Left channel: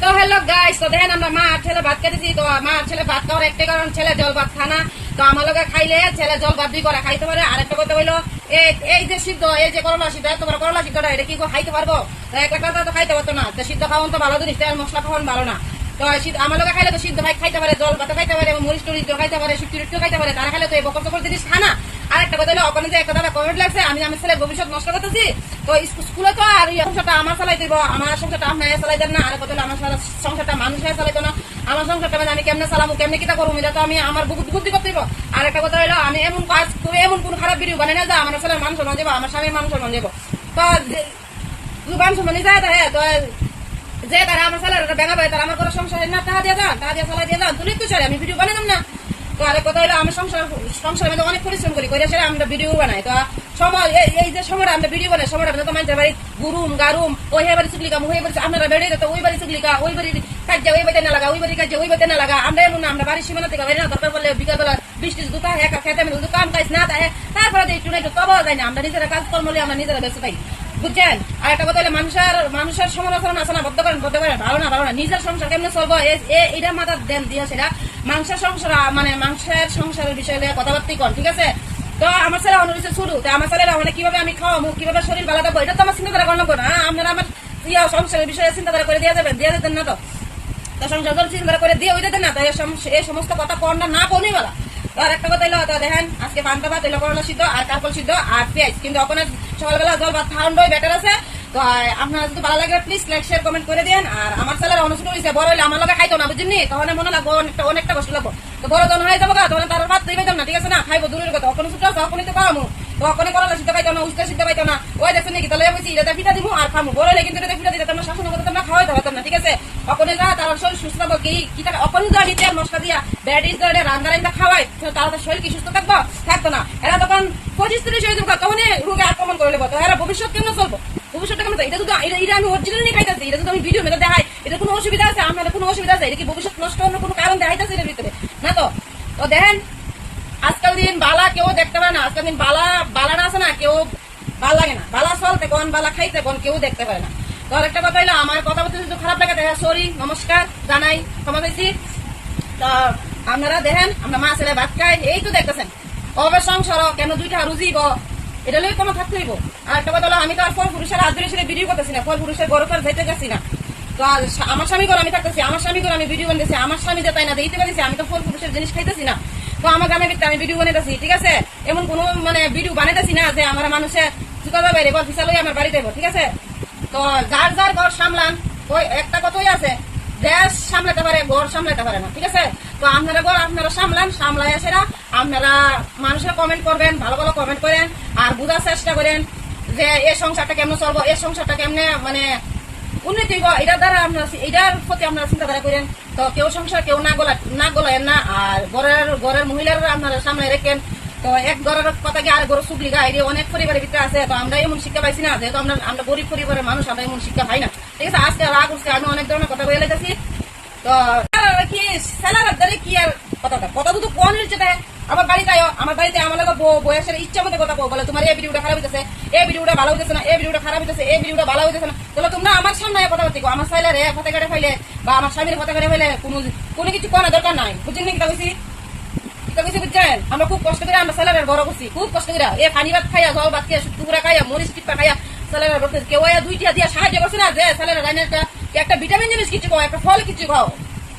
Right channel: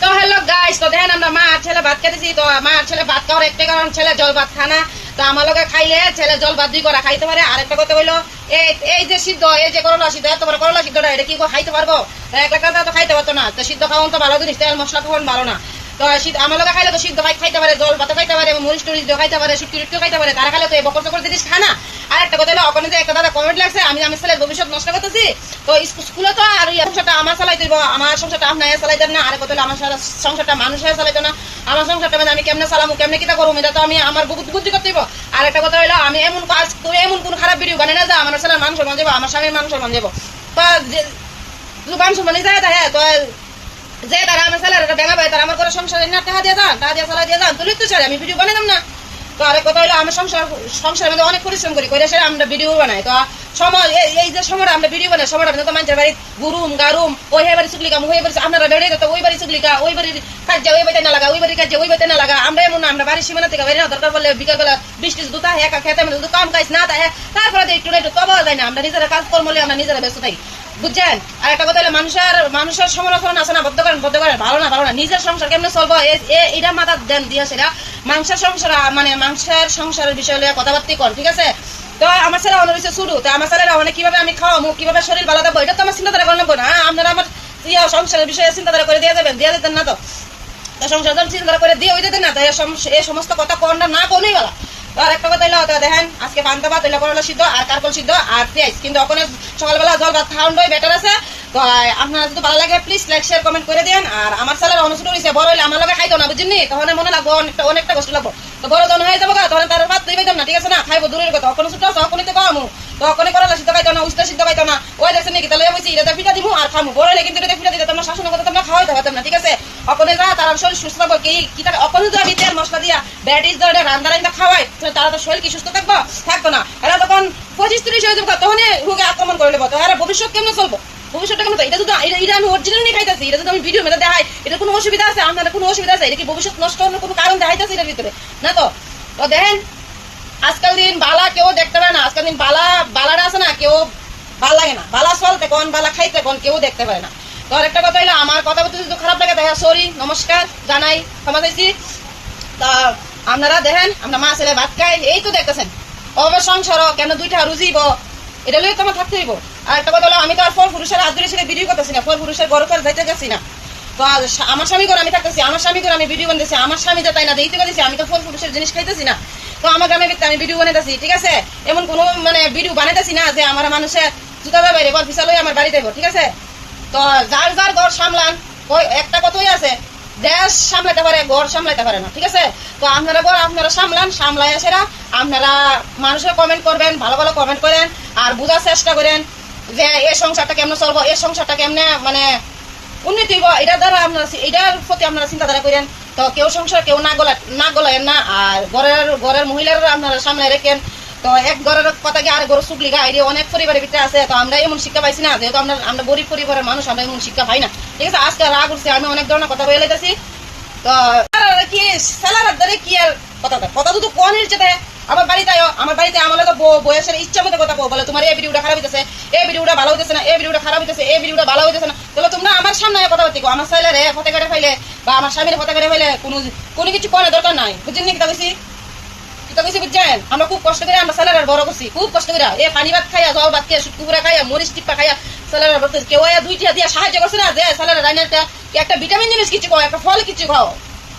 তো hello guys তো দেখেন আমরা মা আর ছেলে ভাত খেতেছি তো মা আর ছেলে ভাত খাওয়ার একটা কারণ ছেলে জল ভাত খানা তো আমার খাইলে ছেলে জল ভাত দুই করা খাইতে পারে। আর একটা কথা হইল এই যে সিদ্ধ এই যে করলা সিদ্ধ এত করলা সিদ্ধটা এটা কি খাইতে পারব? তো এক তো খাইতে পারতো না। তো সিদ্ধ খাওয়ান তো ভালো জিনিস তেল মশলা খাওয়ান ভালো না। তো সিদ্ধ আমার খাইলে তো সিদ্ধ ভাই খাইতে পারে জল ভাত খাইতে পারে মরিচ টরিচ খাইতে পারে সিদ্ধ টিট্টু খাইতে পারে তারা খাইলে তো এই বকর চকর জিনিস খানা আর একটা কথা হলো ওখানে যে একটা দাদা কমেন্ট লাগছে, আমি আমি ছেলের ভবিষ্যৎ নষ্ট করতেছি। তো স্কুলে তো আর সংসারটা আমার চালাই দিব আমার সংসারটা আপনার চালাই দেন না। আর কথা হলো, আমার সারা সংসারটা মানুষের চালাইতো না। আমার সংসারটা মানে আমি কেমনে চালামু, কেমনে কিতা করব এটা তো আমি আমার বুদ্ধি করতে দিব আর একটা কথা হলো, আমি এমন কাজ এমন কোন খারাপ ভিডিও বানাই না যা আমার ছেলের মানুষ মান যাব আমার স্বামীর মানুষ মান যাব তো যে- যদি মানুষ মানে যায় হ্যাঁ তো যে তারা আমার ছেলের ব্যাঙা পায়, তারা আমার করে সংসারে না টাকা দিয়ে যান, টাকা দিয়ে চালাই দিয়ে যান তুলি তো আমি ভিডিও বানাইতাম না। তো আরেক কথা হলো আমি সংসার সংসারের মধ্যে অনেক পরিশ্রম করি করে সেটা আমরা ভিডিও বানাই। তো সময় এই- যে সময়টা আমরা ভিডিও বানাই সময়টা তো মানুষের বাড়ি গুরুম গারুম, ওই হে বাড়ি চুগলিকা ওই বাড়ি আপনারা বেড়ে তো, ওই বাড়ি চুগলিকা, ওই বাড়ির কাজে ওই বাড়িতে না লাগা, ওই বাড়ির কাজে ওই বাড়িতে না লাগা। আমরা এমন না, আমরা বাড়ির সীমানা থেকে বাইরে না দরকার বললে বিকালবেলা বৃষ্টি দুটা হে, একা খেতে মানে কাম কাজ না তাই তারপরে একটু একটু তবা যায় না। আমরা নিজেরা কাজ কর্ম নিয়ে আমরা নিজেরা ব্যস্ত থাকি। বুঝছেন? আর একটা কথা হলো, মানুষের মানুষের সমালোচনা আছে না বদ্ধ করেন বদ্ধ করেন ভালো না ভালো না। নিজের সংসার কেমনে চলবো? এটা মাথা দেন দিয়ে সেটা। মাংসের সংসার মানে মাংসের সংসারের বিষয় নিয়ে কথাবার্তি কর, ঠিক আছে? তো আমার ছেলে অন্য হচ্ছে শুরু, তো আমার ছেলেরা অনেক কীভাবে আমি খাওয়াবো কীভাবে শরীর ভালো থাকব, এটা তো আমার চিন্তাধারা করে নেব না হ্যাঁ? আপনারা আমার ইয়ে সংসারের বিষয়ে চিন্তাধারা করে দিয়ে দেবেন, দিয়ে দিতেন না তো। তা সংসার চিন্তা করে দিয়ে ওই দিতেন না তাই এই সম- এই সমস্ত কথা কোনটা না কোনই তো আর একটা কথা হইল তো দেখেন, আজকে পান্তা ভাত হইল সিদ্ধ, আর কারকল সিদ্ধ, আর পেঁয়াজ। কিন্তু ওখানে সকালবেলা জল ভাত খাওয়ানোই বেটার আছে। তো আপনারা যদি ভালো লাগে প্লিজ লাইক শেয়ার কমেন্ট করে দেন আর আমার ছেলের অনুষ্ঠিত হয়েছে বড় হইলে আমার লগে খাইতো না বুঝিনি তখন মনে লাগবো অনেকটা অনেকটা কষ্ট লাগবো। তো বড় জন হয়ে যাব তখন তার ভাত দিবে না, ঠিক আছে না? খাইবো দূরের কথা। ওখানে ছোট আছে তো কমু। তো ওখানে করলা, সিদ্ধ খাইতো না উস্তা সিদ্ধ খাইতো না। ওই দেখছেন নাকি তাহলে বলছি এটা পিঠা দিব আর খামু। বড় হইলে কিন্তু পিঠা দিতে তোমার শাসনের কথা তোমরা খাওয়াইতে পারতাম না, ঠিক আছে? ওখানে যা, তার শরীর সুস্থ থাকব। কি কি থাকে ওখানে যাবি তেল মশলা দিয়া ব্যাটিস ধরে রান্না রান্না খাওয়াই তো তারা তো শরীর কি সুস্থ থাকব? থাকতো না। এরা তখন পঁচিশ তিরিশ হয়ে যাব তখনই রোগে আক্রমণ করে নেব। তো এরা ভবিষ্যৎ কেমন চলবো? আপনার খাইতে কেউ দেখতে পারে না। একটা কথা আমার কথা বলতে খারাপ লাগে দেখা সরি নমস্কার, জানাই, ক্ষমা চাইছি। তা আপনারা দেখেন, আমরা মা ছেলে ভাত খাই, এই তো দেখতেছেন। অবে সংসার, কেন দুইটা রুজিব? এটা লই তোমার থাকতে হইব। আর একটা কথা হলো, আমি তো আর ফল পুরুষের হাত ধরে ছেলে ভিডিও করতেছি না ফল পুরুষের বড় করে যাইতে গেছি না। তো আমার স্বামী করে আমি থাকতেছি, আমার স্বামী করে আমি ভিডিও বানাইছি আমার স্বামী যে তাই না দিতে পারছি আমি তো ফল পুরুষের জিনিস খাইতেছি না। তো আমার গ্রামে ভিত্তি আমি ভিডিও বানাইতেছি, ঠিক আছে? এমন কোনো মানে ভিডিও বানাইতেছি না যে আমার মানুষে জুতা বাইরে, বল পিছা লই আমার বাড়িতে ঠিক আছে? তো যার যার ঘর সামলান একটা কথাই আছে, দেশ সামলাতে পারে, ঘর সামলাতে পারে না, ঠিক আছে? তো আপনারা ঘর আপনারা সামলান সামলাই সেরা, আপনারা মানুষের কমেন্ট করবেন, ভালো ভালো কমেন্ট করেন। আর বোঝার চেষ্টা করেন যে এই সংসারটা কেমনে চলবো, এই সংসারটা কেমনে মানে উন্নতি এটার দ্বারা আপনারা এটার প্রতি আপনারা চিন্তাধারা করেন। তো কেউ সংসার কেউ না গলা, না গলায় না, আর ঘরের ঘরের মহিলারা আপনারা সামনে রেখেন। তো এক ঘরের কথা কি আর ঘর সুগলি গা এটি অনেক পরিবারের ভিতরে আছে, তো আমরা এমন শিক্ষা পাইছি না, যেহেতু আমরা আমরা গরিব পরিবারের মানুষ, আমরা এমন শিক্ষা পাই না। ঠিক আছে, আজকে রাগ উঠছে, আমি অনেক ধরনের কথা বলে লাইতেছি তো কি স্যালার কি আর কথা কথা তো কোন হচ্ছে আমার বাড়িতে আয়ো, আমার বাড়িতে আমার তো বয়সের ইচ্ছা মতো কথা কো বলে তোমার এই ভিডিওটা খারাপ হইতেছে, এই ভিডিওটা ভালো হইতেছে না, এই ভিডিওটা খারাপ হইতেছে, এই ভিডিওটা ভালো হইতেছে না, তাহলে তোমরা আমার সামনে কথা বলতে আমার ছেলেরে ফতে কেটে ফাইলে বা আমার স্বামীর ফতে কেটে ফাইলে কোনো কোনো কিছু কোনো দরকার নাই, বুঝছেন কি কথা কইছি? কিছু বুঝছেন? আমরা খুব কষ্ট করে আমরা স্যালারের বড় করছি, খুব কষ্ট করে। এ পানি ভাত খাইয়া, জল ভাত খাইয়া সুটকুপুরা খাইয়া, মরিচ টিপ্পা খাইয়া স্যালারের বড় করছি। কেউ দুইটা দিয়া সাহায্য করছে না যে স্যালারের রান্নাটা একটা ভিটামিন জিনিস কিছু খাও, একটা ফল কিছু খাও।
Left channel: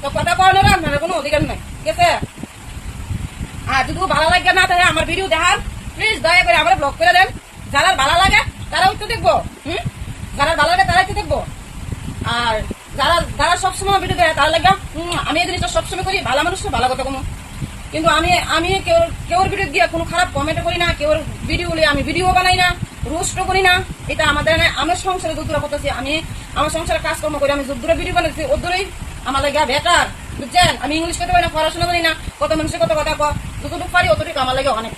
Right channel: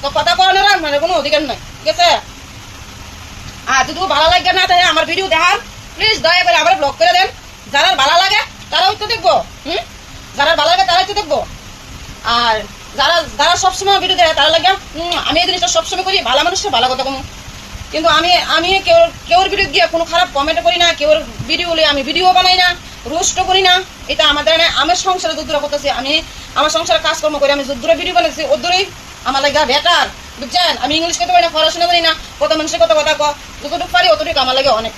তো কথা করানোর আপনার কোনো অধিকার নাই, ঠিক আছে? আর যদি ভালো লাগে না তাহলে আমার ভিডিও দেখান। প্লিজ দয়া করে আমার ব্লক করে দেন। যারা ভালো লাগে তারা তো দেখব হুম? যারা ভালো লাগে তারা তো দেখব। আর যারা যারা সবসময় ভিডিও দেয় তারা লাগে "হুম, আমি এই জিনিসটা সবসময় করি ভালো মানুষটা ভালো কথা কমু কিন্তু আমি আমি কেউ কেউর ভিডিও গিয়ে কোনো খারাপ কমেন্ট করি না কেউর ভিডিও আমি ভিডিও বানাই না রোস্ট করি না। এটা আমাদের আমার সংসারে যদ্দূরা করতেছি আমি আমার সংসারে কাজকর্ম করি আমি যদ্দূরা ভিডিও বানাচ্ছি ওদ্দূরই আমার লাগে বেটার বুঝছেন? আমি ইংলিশ করতে পারি না পড়াশোনা করি না কত মানুষের কত কথা যতটুকু পারি অতটুকু আমার লাগে অনেক।